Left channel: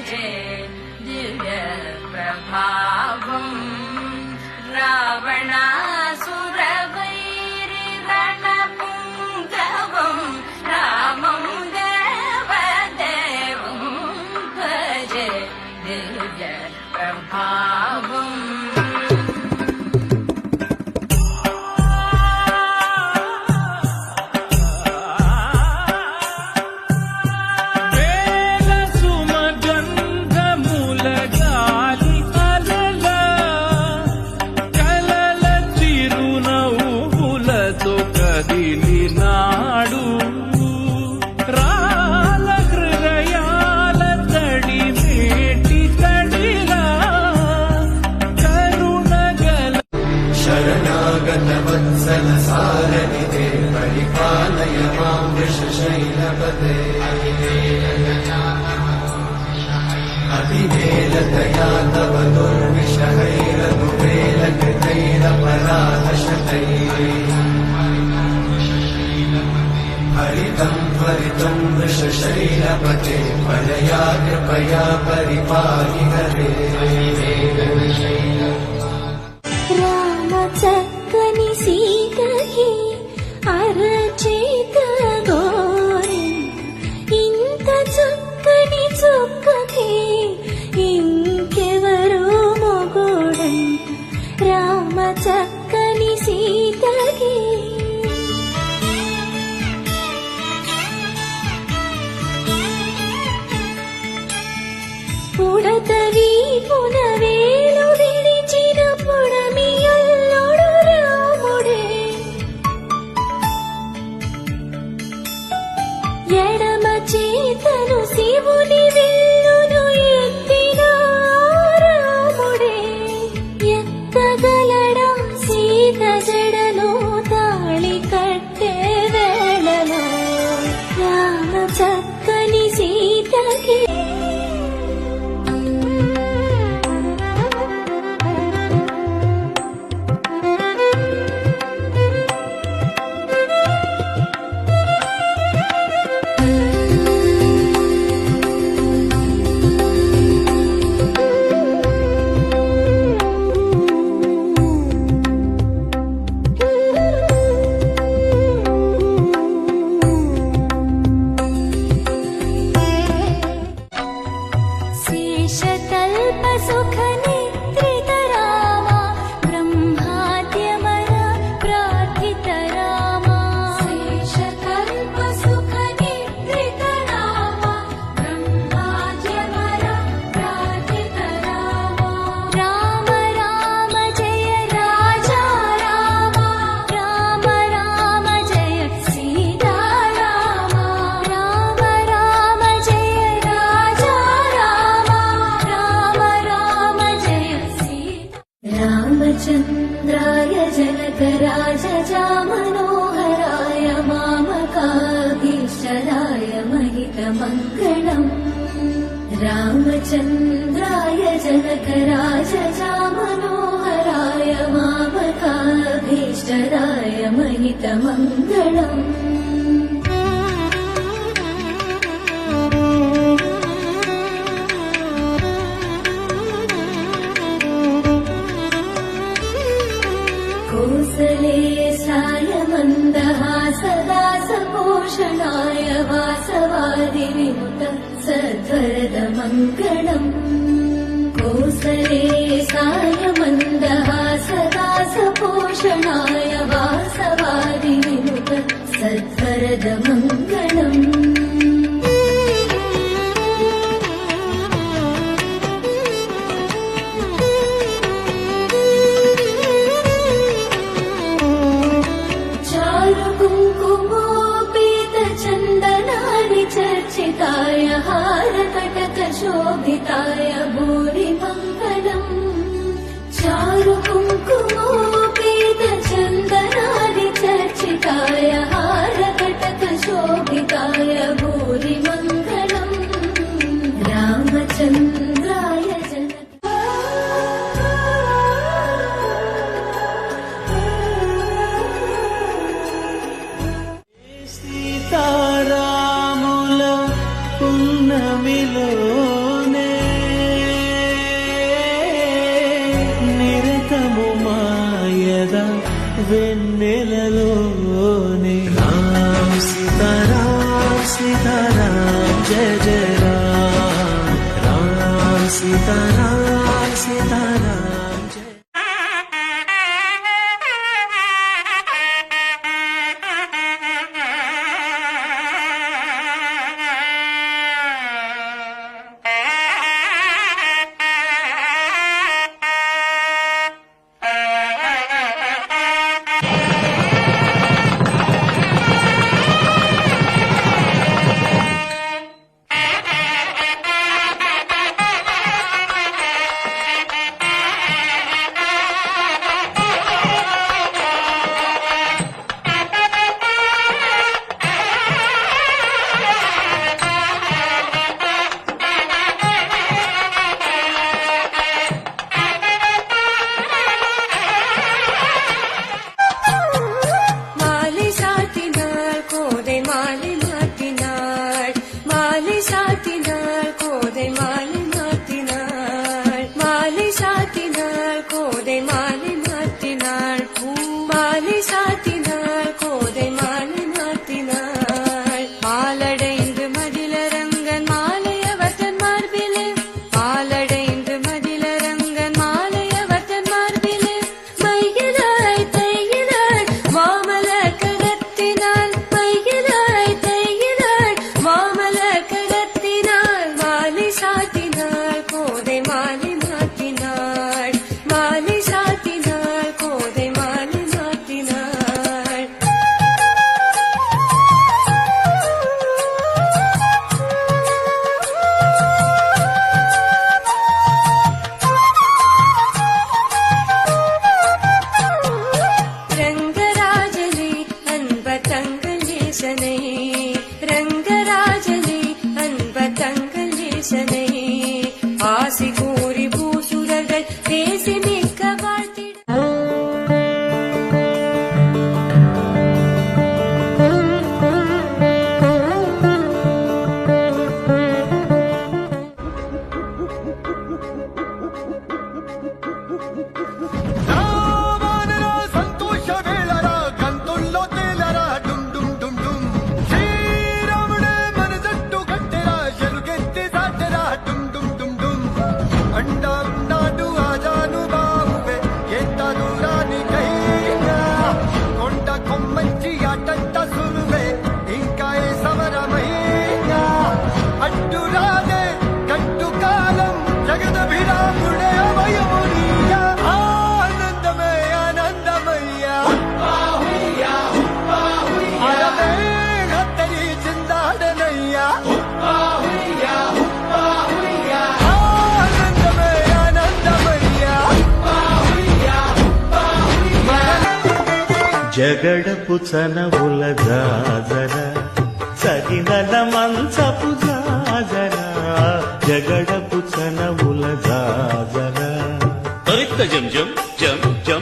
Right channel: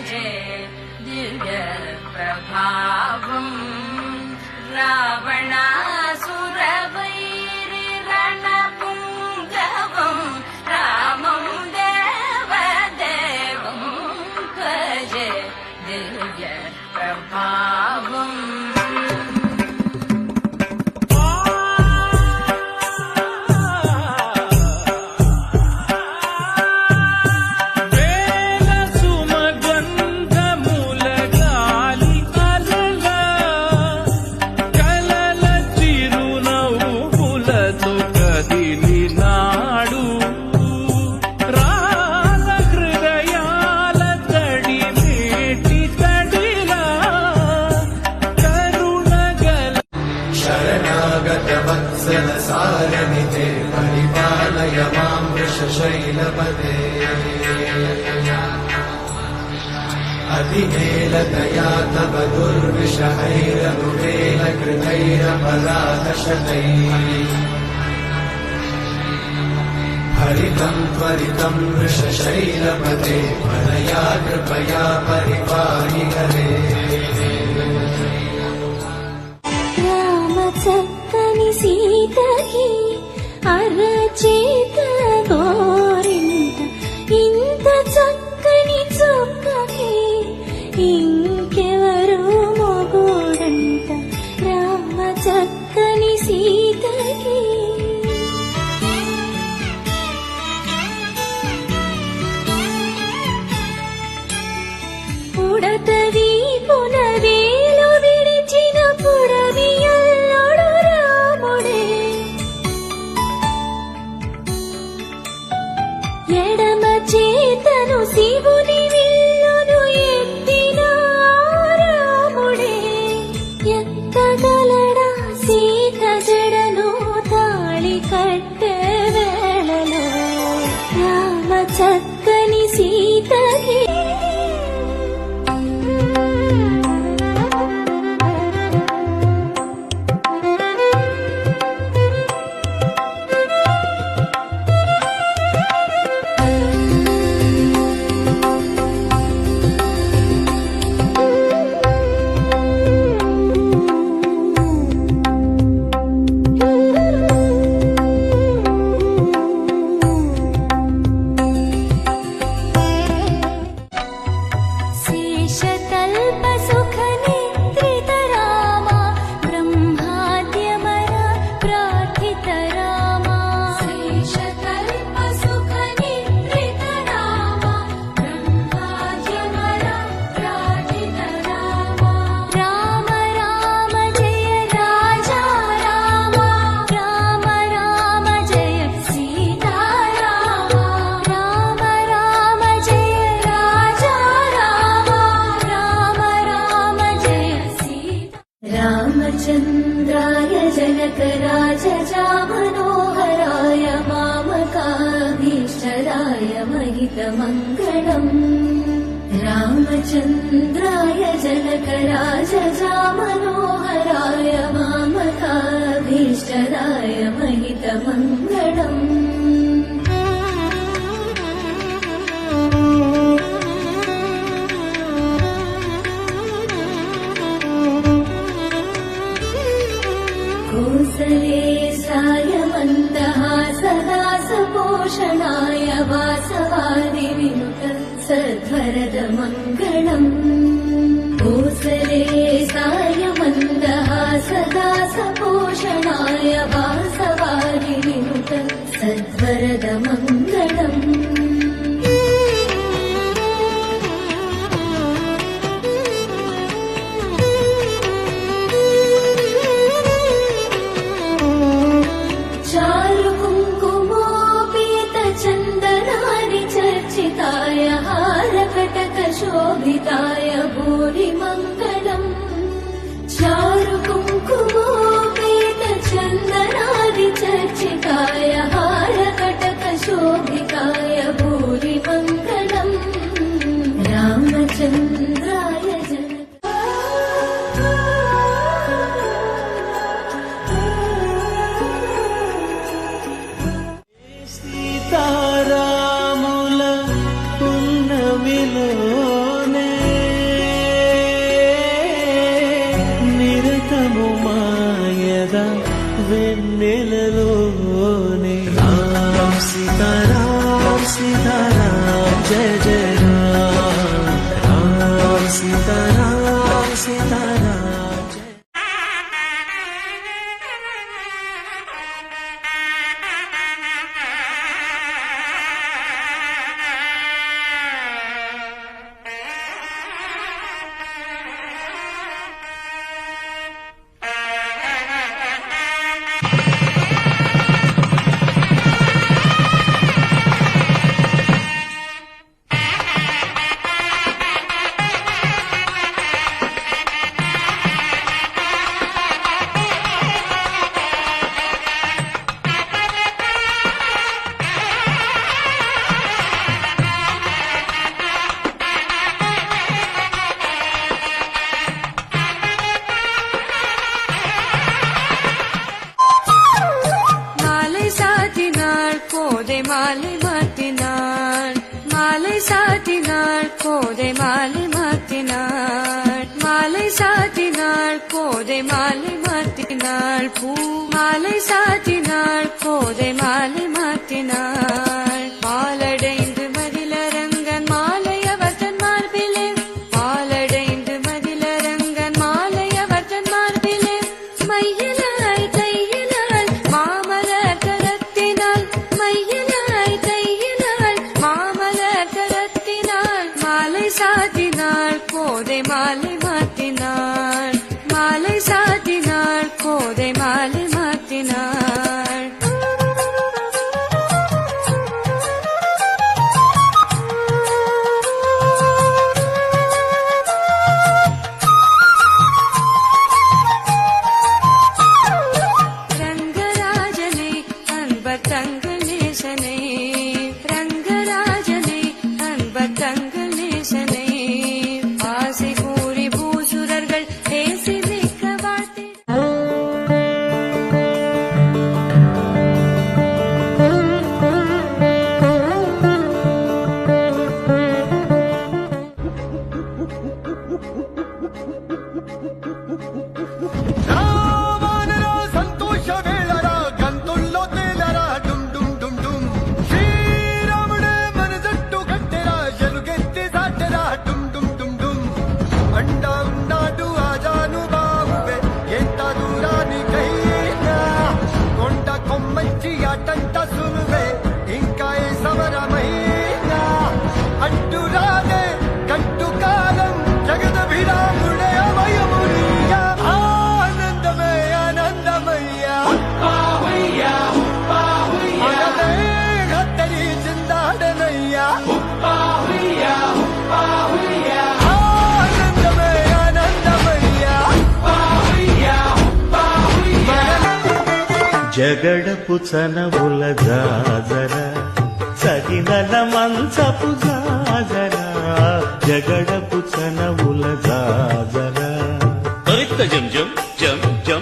భజే దివ్య ప్రభావం రావణాసురవైరి రణపుంగవం రామం దేవదేవం భజే దివ్య ప్రభావం నాడు రాల హృదయాల తడి మేటి తడిలా కరుణగల శరణాగత వత్సల సారనితే పరిపాలయ మాం వృషశైలపదే అభినేలతయా తవ దుర్విషహైరనువేలకృతైరపరాధశతైః हरितं त्वरितं वृषशैलपते वरया कृपया परिपाहि हरे राम चक्कनि सीतहि अरचेत गोविंद इंत चक्कनि चुक्कहि इंकेवरू मोगोडंट राम चक्कनि सीतहि పుడతవి పునవేలు విరిచిన పుడమియల్లొడు రాముడే ఎడమ చేతను శివుని విల్లును ఎత్తిన రాముడే ఎత్తగలడా సీత జడను తాళి కట్టే వేళలో రామ చక్కని సీతకి शेषतल्प सुख निद्रित रामा ब्रह्माद्यमरा प्रार्थित रामा शेषतल्प सुख निद्रित रामा ब्रह्माद्यमरा प्रार्थित रामा राम राम जय राजा रामा राम राम जय सीता रामा राम राम जय राजा रामचन्द्राय जनकराजजा मनोहराय मामकाभीष्टदाय महितमङ्गलम् रामचन्द्राय जनकराजजा मनोहराय मामकाभीष्टदाय महितमङ्गलम् कौसलेशाय मन्दहासदासपोषणाय वासवादि विमुक्त सद्वरद मङ्गलम् कौसलेशाय मन्दहासदासपोषणाय वासवादि विमुक्त सद्वरद मङ्गलम् शोभिताय भूरि मङ्गलम् चारु कुङ्कुमोपेत चन्दनादि चर्चिताय हारकटक शोभिताय भूरि मङ्गलम् रामचन्द्राय सीतारामुल पुण्यमिलोने जय जय राम राम सीताराम सीताराम जय மாலை சாத்தினாள் கோதை மாலை மாத்தினாள் மாலை சாத்தினாள் கோதை மாலை மாத்தினாள் மாலை சாத்தினாள் கோதை மாலை மாத்தினாள் பூ மாலை சாத்தினாள் கோதை மாலை மாத்தினாள் மாலடைந்து மதிலரங்கன் மாலையவதன் மார்பிலே மாலடைந்து மதிலரங்கன் மாலையவதன் மார்பிலே கையிலாய் கையிலாய் மாமலர் கடத்தினாள் கையிலாய் கையிலாய் மாமலர் கடத்தினாள் மாலை சாத்தினாள் கோதை மாலை மாத்தினாள் மாலை சாத்தினாள் கோதை மாலை மாத்தினாள் ரங்கராஜனே அன்ப தங்கநேசனே ரங்கராஜனே அன்ப தங்கநேசனே ஆசி கூறி பூசுரர்கள் பேசி நிற்க வாழ்த்திட రావణరా సంతోష వేళరా గంతుల్లో తేలరా డుమ్ డుమ్ డుమ్ డుమ్ శ్రీరాముడే మన జట్టు కట్టెరా ఎలుగెత్తి సాటెరా డుమ్ డుమ్ డుమ్ డుమ్ అండా ఉన్నాడు ఆజాను బాబువే ఎంత దూరానికైనా కొండ కొమ్మంచి ఆటంట సులువే ఇంకా ఏ సమరమైనా అడ్డురాదే కట్టు కాలం జగదభిరాముడే అభయమునియ ఆనందమే ఆనందమయ్య అడవే హత్తరి చిందాడనయ్యా ఆనందమే ఆనందమయ్య జగడపు చనవుల జాజర సగినల మంచపు జాజర జగడపు చనవుల జాజర జం జం జం జం